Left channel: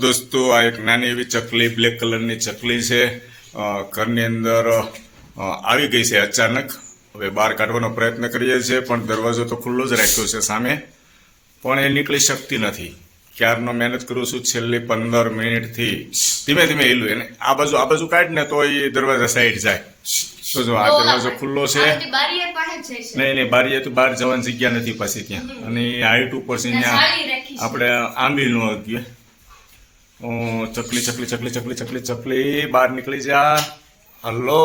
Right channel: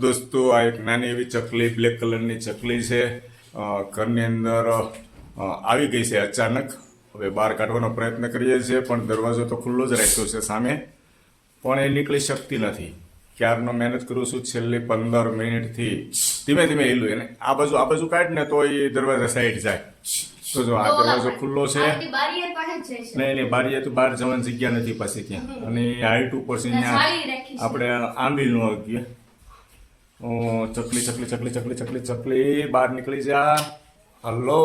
દોસ્તો આ એક નાની એવી ચકલી બ્લેક કલરની ચકલી છે ઘરની અંદર આવી ગઈ છે અચાનક હવે બહાર કાઢવાનો પ્રયત્ન કરીએ છીએ પણ દરવાજો તો ખુલ્લો જ રાખ્યો છે સામે પણ એ નીકળી શકતી નથી ક્યારનો મહેનત કરું છું છેલ્લી 15 મિનિટથી ધીમે ધીમે હિલું એને આ બાજુ કાઢ ને તો એ દરવાજા સાઈડ જાય તો જો આ દરવાજો ખુલ્લો છે નહીં બારીએ તો બહાર જવાની જગ્યા નથી પાછી ત્યાં અને હાઈટ ઉપર છે ત્યાં આપણે આંબી નો ગયે ચકલી બહાર નીકળી જા હલો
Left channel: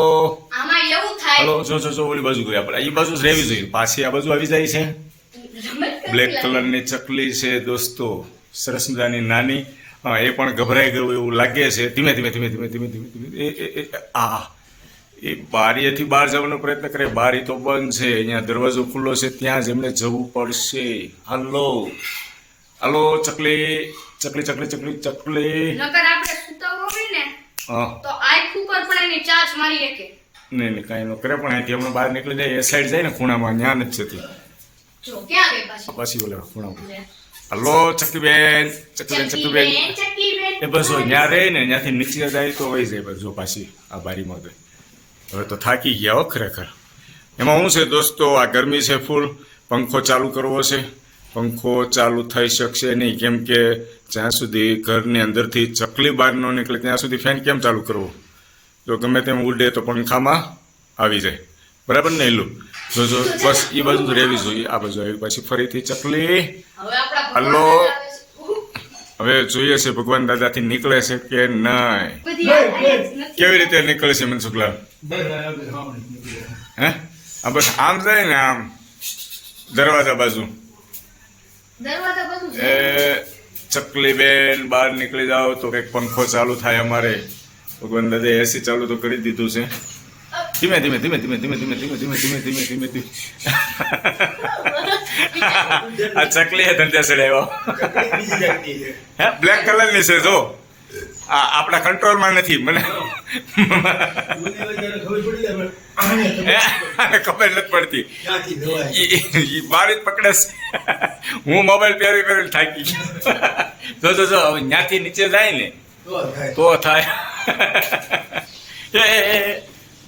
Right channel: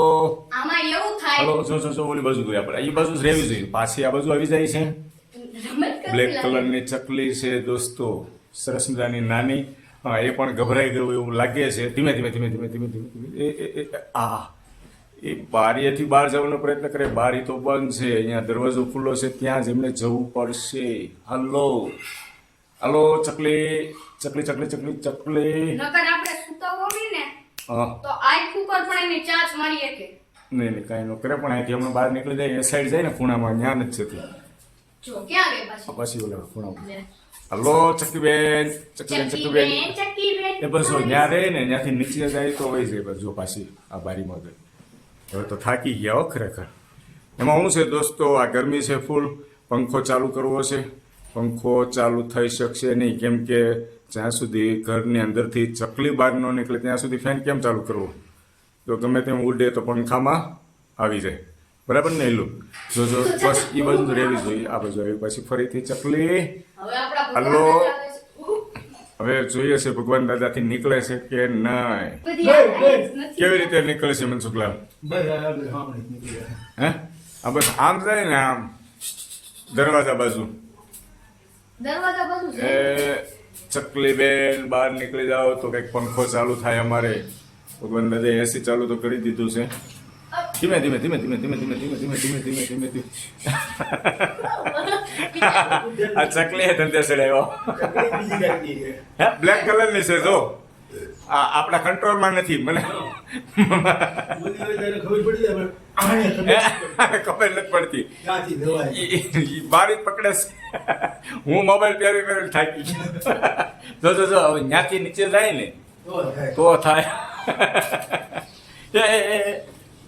હલો જો ઓલી બાજુ ગઈ આપણે એ બાજુ જ રહેવી જોઈએ પાછી આ બાજુ આવી જાય છે બ્લેક કલરની ચકલી છે દોસ્તો સરસ મજાની નાની એ પણ ગભરાઈ ગયું એવું લાગે છે ધીમે એ બારીએથી બહાર જવાનો પ્રયત્ન કરે બારી તો બંધ છે અહીંયા દરવાજો ખુલ્લો છે ત્યાં જ એમને જવું પડશે હલો હલો ચકલી નહીં કાંઈ ન કરે પણ અહીંથી હમણાં બહાર નીકળી જાય એ સાઈડ જાય ને ખૂણામાં ત્યાં જ છે પછી બોલે ખૂણામાં હલો ચકલીબેન એ બસ ત્યાં રહે ને ત્યાંથી નીચે જાય તો વહી જાય બસ જો પાછી આ બારીમાં ગઈ હવે તો થાકી ગયા હો ખરેખર એમાં શું છે દોસ્તો આ ગરમી છે ફૂલ પંખો ચાલુ કરવો છે પંખો ચાલુ થઈ શકશે નહીં કેમ કે જ્યાં સુધી ઘરની અંદરથી ચકલી બહાર ન નીકળે ત્યાં સુધી ફેન કેમ ચાલુ કરવો જો ગમે તેમ ઉડે તો પંખામાં આવી જાય બરાબર ને એલું જો બસ એ બાજુ રહેવી જોઈએ આ બાજુ આવી પછી ફરીથી ચકલી હલો હવે જોઈએ છે ભગવાન દાદાથી નીકળે છે કે નહીં કેવી રીતે નીકળે છે મનસુખલાલ હે આ બસ આમ જાય ને આમ દરવાજા બાજુ એ ચકલી બેન બહાર નીકળી જાઓ તો કંઈક પંખો ચાલુ થાય અમારે ભગવાન દાદા એસી ચાલુ તો કરી દીધું છે ધીમે આ ચકલી ધંધે ચડાવ્યો હે બ્લેક કલરની છે જો આપણા કંટ્રોલમાં નથી મને ખબર નથી પડતી બારી જ પકડે હું મોબાઈલ પહેરી થાકી જો હવે ત્યાંથી નીચે જાય ને તો થાય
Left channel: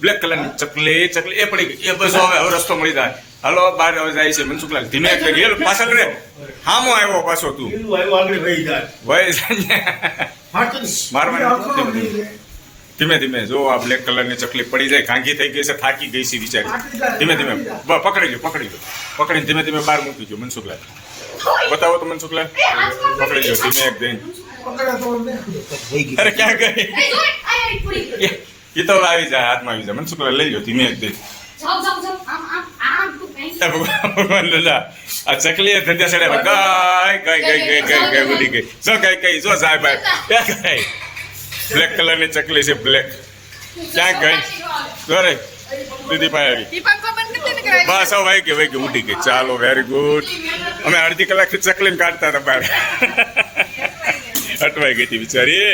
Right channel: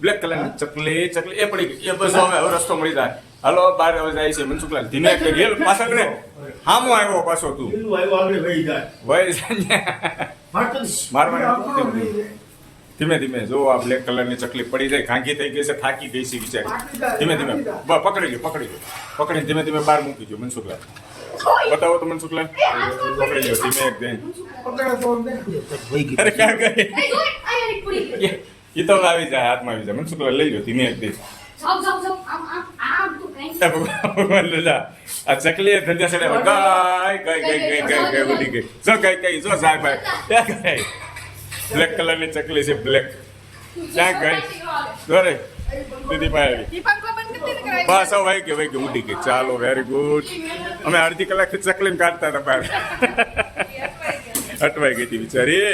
બ્લેક કલરની ચકલી એ પડી ગઈ એ બસ હવે રસ્તો મળી જાય હલો બહાર હવે જાય છે મનસુખલાલ ધીમે ગયેલ પાછળ રે હામો આવ્યો પાછો તું મારવાની ધીમે જો આ બ્લેક કલરની ચકલી પડી જાય ઘાંઘી થઈ ગઈ છે થાકી ગઈ છે બિચારી ધીમે પકડી લો પકડીને ધીમે બહાર મૂકી દો મનસુખલાલ બતાવો તો મનસુખલાલ પકડી લો ધીમે એક જઈને અરે ક્યાં ગઈ એ તો આવી જાય હાથમાં આવી જાય મનસુખલાલ લઈ લો ધીમે એક દે ભગવાન દાદા આ ચકલી ધંધા સડે ગઈ ઉડી ગઈ જો ગઈ જો જાય ભાઈ બ્લેક કલરની ચકલી છે બ્લેક ક્યાં ગઈ જોરે દીદી પાસે આવી બસ હવે વહી ગઈ ઉડી ગઈ ચાલો વેરી ગુડ અમે અડધી કલાકથી ચકલીને કાઢતા હતા બહાર અટવાઈ ગઈ હતી બિચારી